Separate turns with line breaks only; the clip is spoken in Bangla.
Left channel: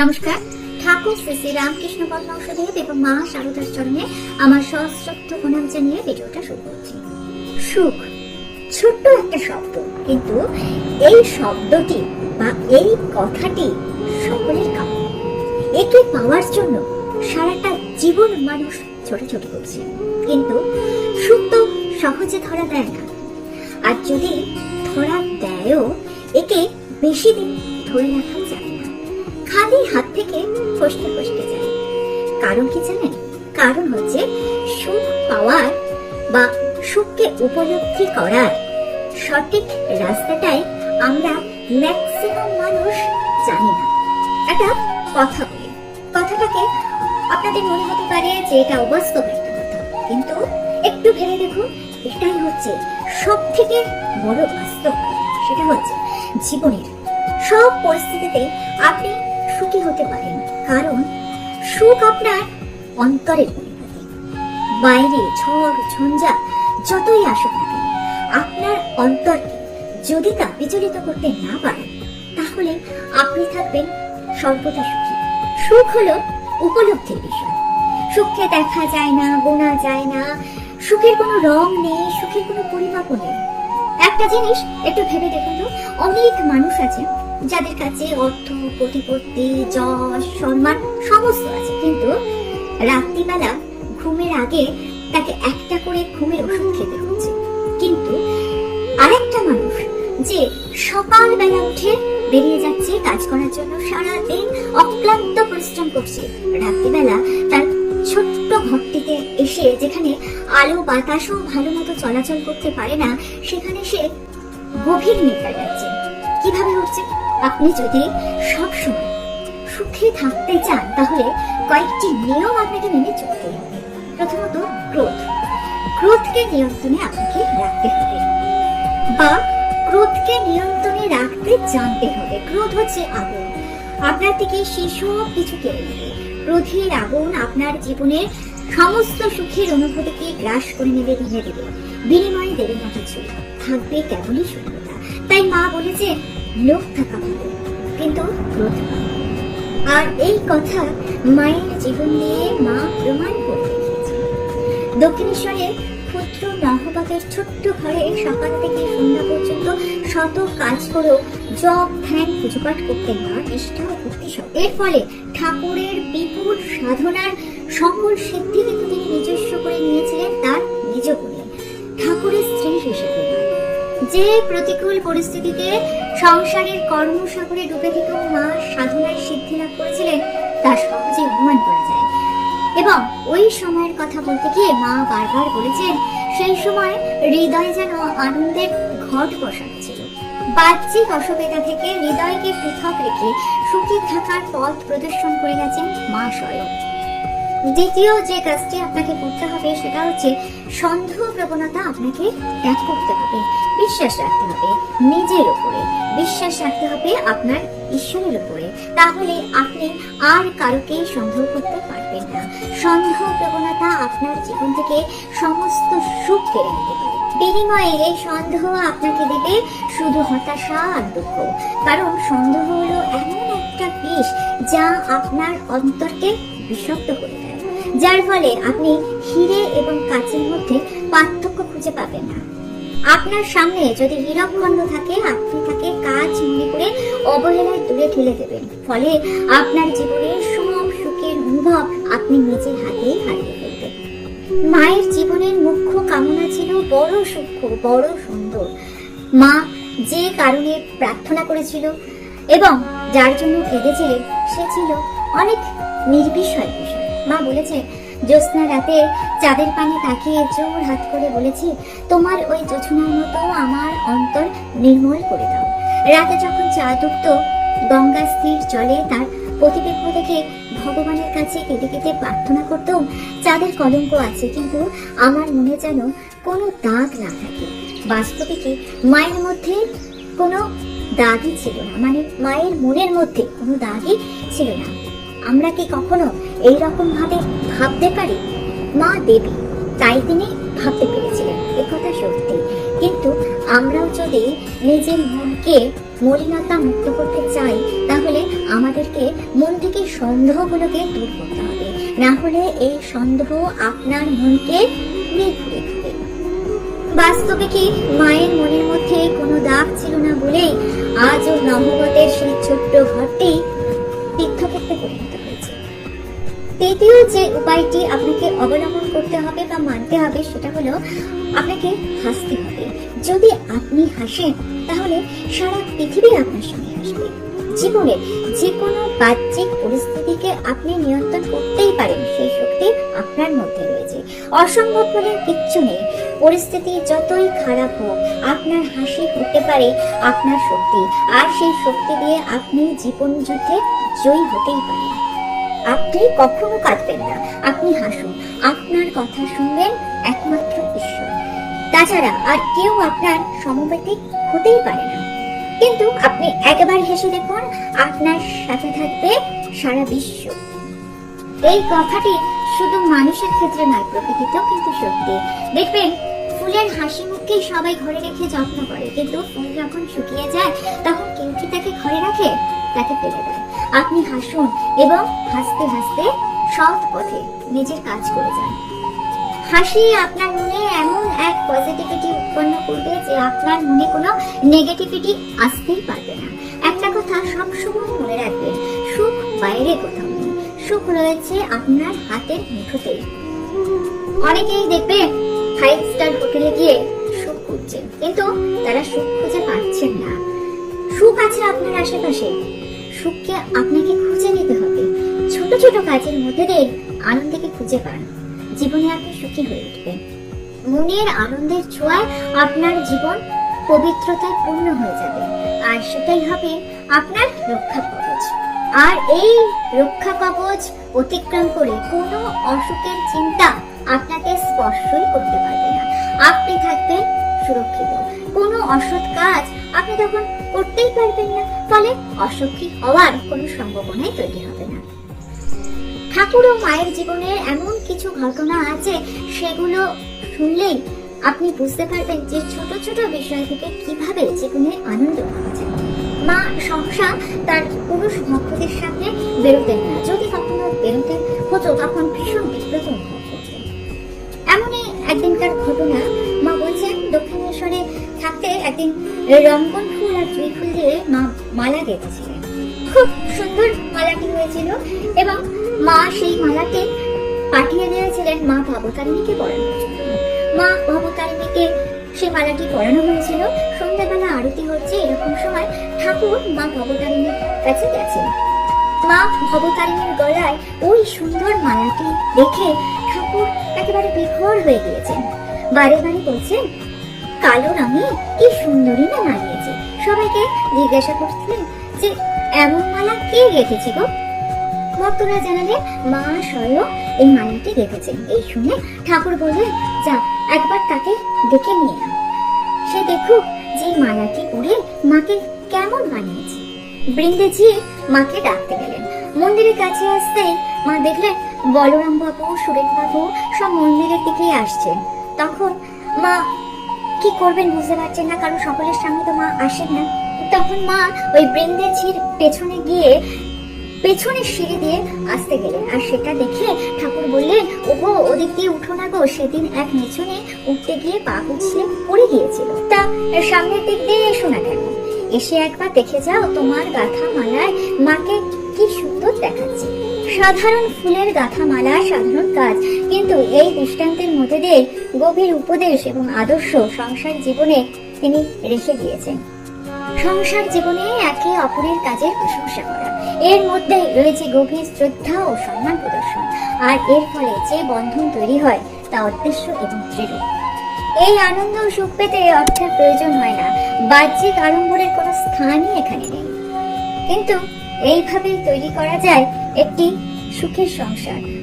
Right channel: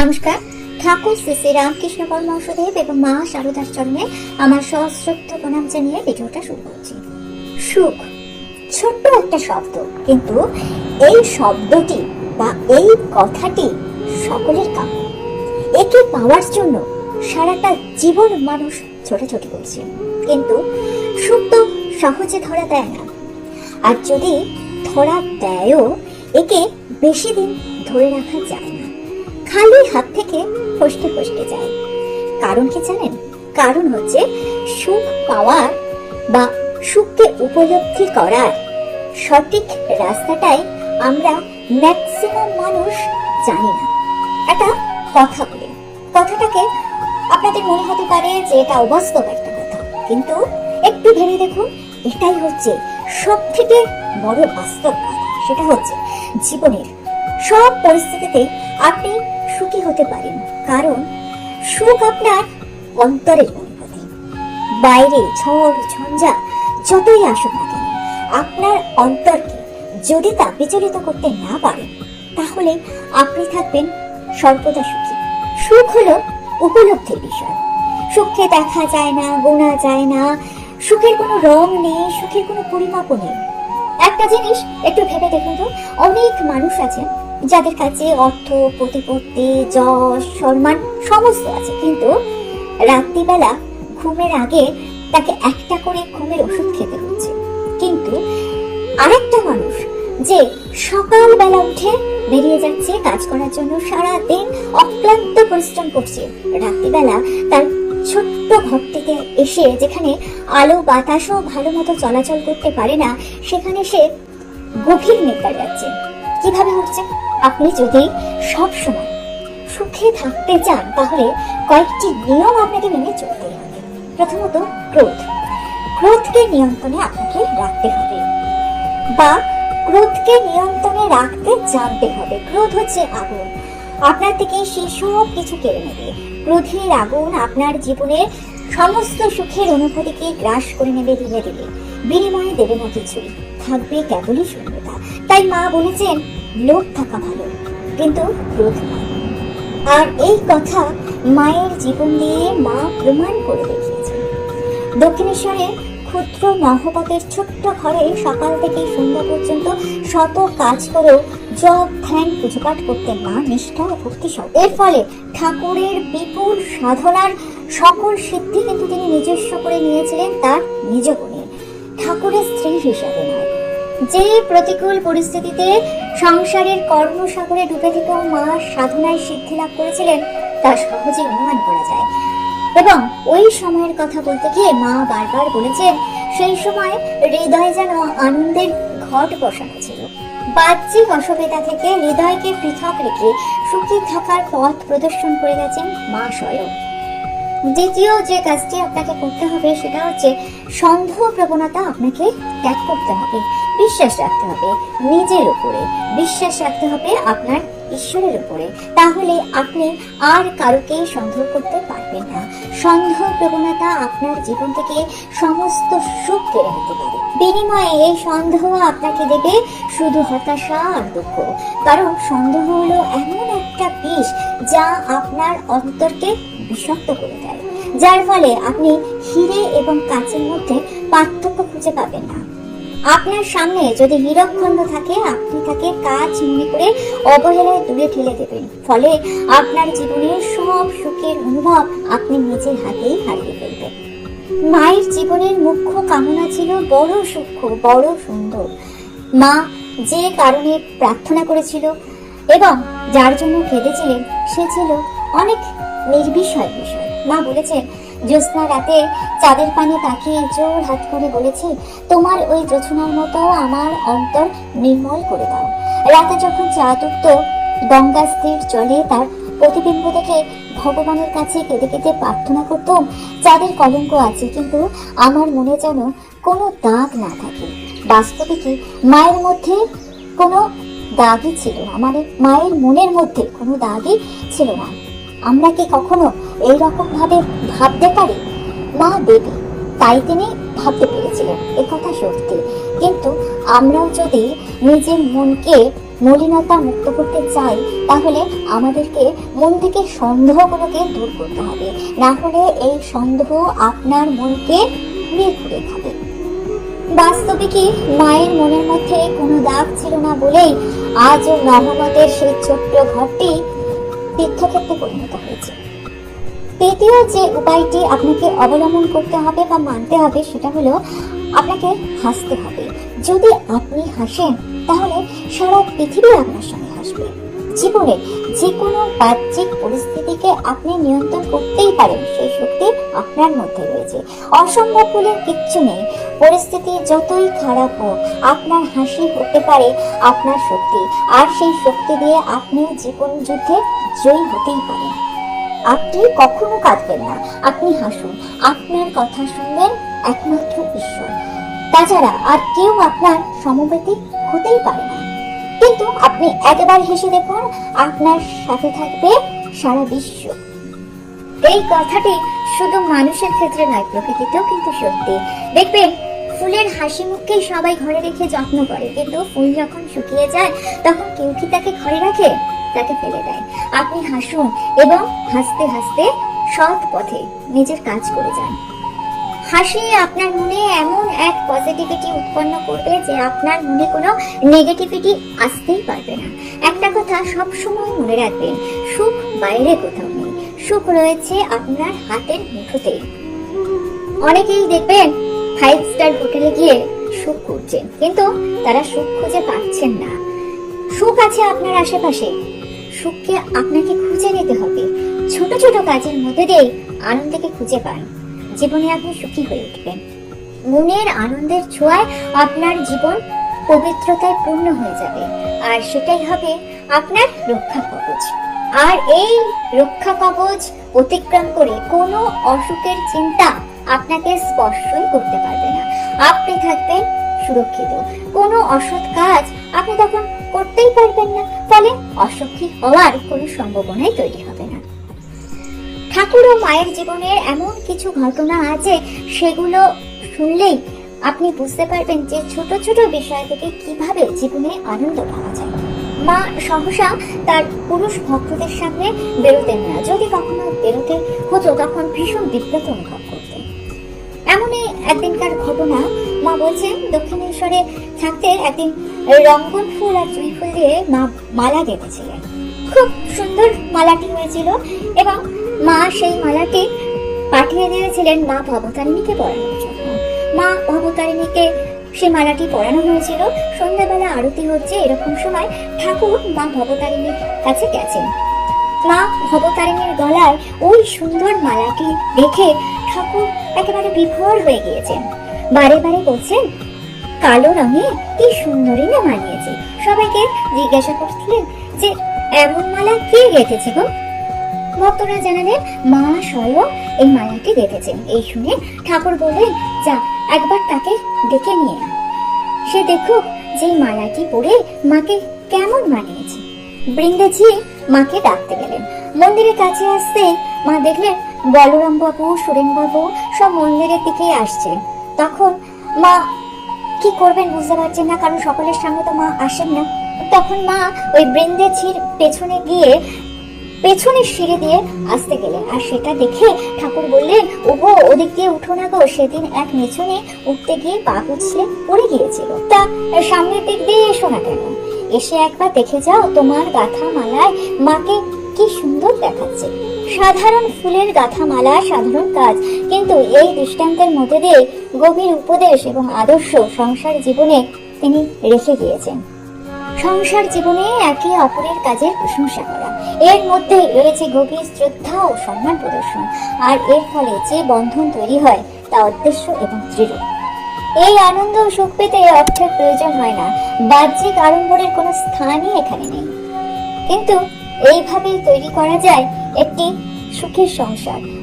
নমস্কার ঠাকুর শ্রী শ্রী রামকৃষ্ণ পরমহংসদেব এবং মা সারদার জন্য আমার সশ্রদ্ধ প্রণাম জানিয়ে ভিডিওটা শুরু করছি সুখ ছোট্ট একটা শব্দ কিন্তু এই শব্দটি বা এই কথাটি সকলের কাম একে পাওয়ার জন্য সারাটা জীবন মানুষ ছোটাছুটি করছে কিন্তু সুখ তো সহজে ধরা দেয় না আর যদি ধরা দেয়ও একে বেশি দিন ধরে রাখা যায় খালি হাত থেকে ফসকে ফসকে যায় কারণ কি জানেন কারণ হচ্ছে সুখ পাওয়ার বা সুখকে উপলব্ধি করার সঠিক রাস্তাটাই আমরা ম্যাক্সিমাম মানুষ জানি না একটা কথা বলি কথাটাকে আপনাদের মনে হতে পারে যে এটা অবাস্তব একটা কথা কিন্তু একটু ভেবে দেখুন এটাই হচ্ছে সব থেকে বড় বাস্তব সেটা হচ্ছে জীবনের সব পরিস্থিতিতে আপনি সুখী হতে পারেন কারণ সুখ আপনার অন্তরের অনুভূতি বাইরে ঝড় ঝঞ্ঝা যতই আসুক না আপনার অন্তরকে যদি তা বিচলিত করতে না পারেন তাহলে আপনি থাকবেন সর্বদা সুখী সুখ হলো উপলব্ধির বিষয় সুখকে দেখা যায় না গোনা যায় না সুখের কোনো রং নেই সুখের কোনো পরিমাপ নেই একটা জিনিস একটু ভেবে দেখুন অনেক মানুষ আছেন যাদের কাছে অর্থ প্রতিপত্তি যশ সম্মান সমস্ত আছে কিন্তু রাত্রিবেলা ঘুমের আগে তাকে একটা করে ঘুমের ওষুধ খেতে হচ্ছে কিন্তু আরেকটা মানুষ যে সকালবেলা উঠে বেরিয়ে যাচ্ছে কাজ করার জন্য সারা দিন অক্লান্ত পরিশ্রম করছে রাত্রিবেলা তার ছোট্ট ঘরটিতে এসে যেখানে আলো বাতাসও ভালো মতো চলাচল করতে পারে না সেখানে সে গভীর নেতা যাচ্ছে আপনি যদি সব সময় সুখে থাকতে চান তাহলে কয়েকটি নিয়ম আপনাকে মেনে চলতে হবে প্রথমত ক্রোধ ক্রোধকে নিয়ন্ত্রণে আপনাকে রাখতে হবে বা ক্রোধকে নিয়ন্ত্রণে রাখতে জানতে হবে ক্রোধ হচ্ছে আগুন আপনার থেকে সেই সব কিছু কেড়ে নেবে ক্রোধের আগুন আপনার জীবনের সমস্ত সুখের অনুভূতিকে গ্রাস করে নেবে ঋণে দেবে বিনিময়ে দেবে না কিছু থাকবে কেবলই শূন্যতা তাই মা বলেছেন লোক থাকা ভালো কিন্তু ক্রোধ আর এই কথা মায়ের জীবন নিয়ে মা প্রমাণ করে দেখিয়েছে দক্ষিণেশ্বরে ক্ষুদ্র নাহবাকের ছোট্ট ঘরে সকাল থেকে সন্ধ্যা পর্যন্ত শত কাজ করেও জব ধ্যান পুজোপাঠ করতে মা নিষ্ঠা ভক্তি সব এর ফলে ঠাকুরের বিপুল সাধনার সকল সিদ্ধি কিন্তু তিনি নিজস্ব করে নিয়েছিলেন তার নিজ গুণে ঠাকুরের স্ত্রী হিসেবে যে প্রতিকূল পরিস্থিতিতে সংসারের কর্মসাগরে ডুবে থেকেও মা সাধনায় সিদ্ধি লাভ করেছিলেন তা সহজে অনুমান করা যায় এবং ওই সময়ের কথা বলতে গিয়ে মা বারবার বলেছেন সেই সময় হৃদয় যেন আনন্দের ঘট বসানো ছিল বাহ্যিক অসুবিধা থেকে হৃদয়কে পৃথক রেখে সুখী থাকার পথ প্রদর্শন করে গেছেন মা স্বয়ং দ্বিতীয় যে কাজটি আপনাকে করতে হবে সেটা হচ্ছে সন্দেহ প্রবণতা আপনাকে ত্যাগ করতে হবে বিশ্বাস রাখতে হবে নিজের উপরে বিশ্বাস রাখতে হবে আপনার ঈশ্বরের উপরে তাহলে আপনি আর কারোকে সন্দেহ করতে পারবেন না সন্দেহ প্রবণতা আপনার জীবন থেকে সমস্ত সুখ কেড়ে নিতে পারে বিনিময়ে এই সন্দেহ আপনাকে দেবে শুধু হতাশা আর দুঃখ কারণ সন্দেহ হলো এমন একটা বিষ যা আপনার অন্তরকে শক্ত করে দেয় যার ফলে আপনি হিরে এবং কাঁচের মধ্যে পার্থক্য খুঁজে পাবেন না আপনার সামনে যদি হীরক খন্ড থাকে আপনি তাকে কাজ মনে করে অবহেলায় তুলে ঠেলে দেবেন ফলে আপনার জীবনের সব সুখের অনুভব আপনি নিজের হাতে হারিয়ে ফেলবেন মায়ের জীবনের মুখ্য কামনা ছিল বড় সূক্ষ্ম বড় সুন্দর মা যে কারণে প্রার্থনা করেছিল এবং যার জন্য কেঁদেছিলেন সে ছিল অনেক নির্বিষয় বিষয় মা বলেছে জ্যোৎস্না রাতে চাঁদের পানে তাকিয়ে জোর হাত করে বলেছি তোমার ওই জোছনার মতো আমার অন্তর নির্মল করে দাও রাতে যখন চাঁদ উঠত গঙ্গা স্থির জলে তার প্রতিবিম্ব দেখে ভগবানের কাছে কেঁদে কেঁদে প্রার্থনা করতাম চাঁদের কলঙ্ক আছে কিন্তু আমার মনে যেন কোনো দাগ না থাকে বাস্তবে কি মায়ের মধ্যে কোনো দাগই ছিল না মানে মায়ের মনের মধ্যে কোনো দাগই ছিল না আমরা কি কখনো এই রকমভাবে ভাবতে পারি না দেবী তাই তিনি ভাবতে পেরেছিলেন কথা সত্যি কিন্তু আমরাও যদি নিজের মনকে মলিনতা মুক্ত করতে চাই তাহলে আমাদেরকে মন থেকে সন্দেহগুলোকে দূর করতে হবে না হলে এই সন্দেহ আপনার মনকে বিয়ে খাবে বাস্তবে কি মায়ের মনের মধ্যে কোনো দাগ ছিল না বলেই আজও নবগতের সেই ছোট্ট ঘরটি তীর্থক্ষেত্রে পরিণত তৃতীয় যে উপায়টি আপনাকে অবলম্বন করতে হবে বা মানতে হবে সেটা হলো আপনাকে হাসতে হবে যদি আপনি হাসেন তাহলে সারা পৃথিবী আপনার সঙ্গে হাসবে জীবনে যে কোনো বাহ্যিক পরিস্থিতিকে আপনি নিয়ন্ত্রণ করতেই পারেন সেই শক্তি আপনার মধ্যে রয়েছে অসম্ভব বলে কিচ্ছু নেই পরিস্থিতি যতই খারাপ হোক আপনার হাসি হতে পারে আপনার শক্তি আর সেই শক্তি দিয়ে আপনি জীবন যুদ্ধে জয়ী হতেই পারেন আপনি কখনো কাঁদবেন না আপনি হাসুন আপনার কথা শুনবেন একমাত্র ঈশ্বর তাছাড়া আর কেউ আপনার সমবেতিক হতেই পারে না কিন্তু আপনি একবার হেসে দেখুন আপনার সাথে থাকবে সারা বিশ্ব এই কথাটি শুধু মানুষের ক্ষেত্রে নয় প্রকৃতিতেও কিন্তু সত্যি দেখবেন ফুলের হাসি মুখকেই সবাই ঘরে রেখে যত্ন করে কিন্তু ফুল যখন শুকিয়ে যায় তখন কেউ কি তাকে ঘরে রাখে তাকে ফেলে দেয় আপনি হাসুন এবং হাসতে হাসতে সৎ পথে নিজের কাজ করে যান হাসি আপনার মনে এমন এক পজিটিভিটি উৎপন্ন করবে যে আপনার মনে কোনো নেগেটিভিটি আসতেই পারবে না একটা কথা সবসময় মনে রাখবেন সুখ বাইরে কোথাও নেই সুখ রয়েছে আপনার হাতের মুঠোতেই অনেকেই দেখবেন ফাইভ স্টার হোটেলে গিয়ে সুখ করছেন কিন্তু তারা সুখ খুঁজে পাচ্ছেন না সুখ আছে আপনার আশেপাশে সুখকে আপনাকে খুঁজে নিতে হবে ছোট ছোট কাজের মধ্যে দিয়ে আনন্দকে খুঁজে পান জীবনে আপনি সুখী হয়ে উঠবেন মনের আনন্দের ছোঁয়ায় আপনার জীবন পবিত্রতায় পূর্ণ হয়ে যাবে আর সেটাই হবে আপনার রক্ষা কবচ আর এই রক্ষা কবচ অতিক্রম করে কোনো অসুখের চিন্তা আপনাকে স্পর্শই করতে পারবে না আপনি থাকবেন সুরক্ষিত কোনো অসৎ কাজ আপনি তখন করতেই পারবেন না ফলে অসুখী হওয়ার কোনো সম্ভাবনাই তৈরি হবে না ঠাকুর ও মায়ের জীবনের এমন কিছু ঘটনা আছে সেগুলো শুনলেই আপনি বুঝতে পারবেন যে ছোট ছোট বিষয় থেকে কিভাবে জীবনে আনন্দ পাওয়া যায় মা সহসা তার পুরুষ ভক্তদের সামনে বেরোতেন না যদি কখনো বেরোতে হতো তখন ভীষণ বিব্রত এমনই একদিনকার ঘটনা মা বলছেন দক্ষিণেশ্বরে থাকতে একদিন রঙ্গন ফুল আর চুই ফুল দিয়ে মা মালা দেখেছিলেন খুব সুন্দর মালাটি হয়েছিল এবং মা সেই মালাটি পাঠিয়ে দিয়েছিলেন মা ভবতারিণীকে পড়ানোর জন্য মা ভবতারিণীকে সে মালাটি পড়ানো হয়েছিল সন্ধ্যাবেলা আরতি হচ্ছে এরকম সময় ঠাকুর মা ভবতারিণীর কাছে গেছেন মা ভবতারিণীর গলায় ওই সুন্দর মালাটি দেখে ঠাকুর একেবারে বিভোর হয়ে গিয়েছেন বারে বারে বলছেন কালো রঙে কি সুন্দরী না মানিয়েছে সবাইকে জিজ্ঞাসা করছিলেন যে এমন মালা কে গেঁথেছে গো ভক্তরা জানালেন মা স্বয়ং এই মালাটি গেঁথেছেন এই শুনে ঠাকুর বললেন যা একবার তাকে ডেকে নিয়ে সে দেখো যে মালাটি পরে মাকে কেমন মানিয়েছে বৃন্দেজি মাকে ডাকতে গেলেন মন্দিরে কাছে আসতে মা দেখলে বলরাম বাবু সুরেন বাবু সব মন্দিরের দিকেই আসছে তখন মা কি করবেন বুঝতে পারছেন না কারণ সকলের সামনে তো মা আসেন না তখন মা ওই বৃন্দেছির পেছনে গিয়ে পেছনে সিঁড়ি দিয়ে আসতে গেলেন আর সেটা দেখে ঠাকুর বললেন ওগো ওদিক দিয়ে উঠো না গো সেদিন এক মেছনে উঠতে গিয়ে পা পিছলে পড়ে গিয়েছিল তা সামনের দিক দিয়ে এসো না কেন এসে একবার দেখে যাও তোমার গাথা মালায় মাকে কি সুন্দর দেখাচ্ছে সাধারণ ফুলের গাথা মালা সাধারণ কাজ কিন্তু এই দৃষ্টান্তের মধ্যে দিয়ে গভীর উপদেশ এবং আদর্শ সংসার জীবনে তিনি রেখে দিয়েছেন সংসার জীবনে একে অপরের কাজে প্রশংসা করা এর মধ্যে রয়েছে গভীর শ্রদ্ধা ও সম্মান প্রদর্শন আর এর ফলে যে বন্ধন তৈরি হয় তা উদ্দেশ্য এবং দৃঢ় এই আনন্দ সুখ পেতে অর্থের প্রয়োজন হয় না বাহ্যিক আড়ম্বরের কোনো স্থানই এখানে নেই কিন্তু এইভাবেই তৈরি করা যায় একটি সুখের সংসার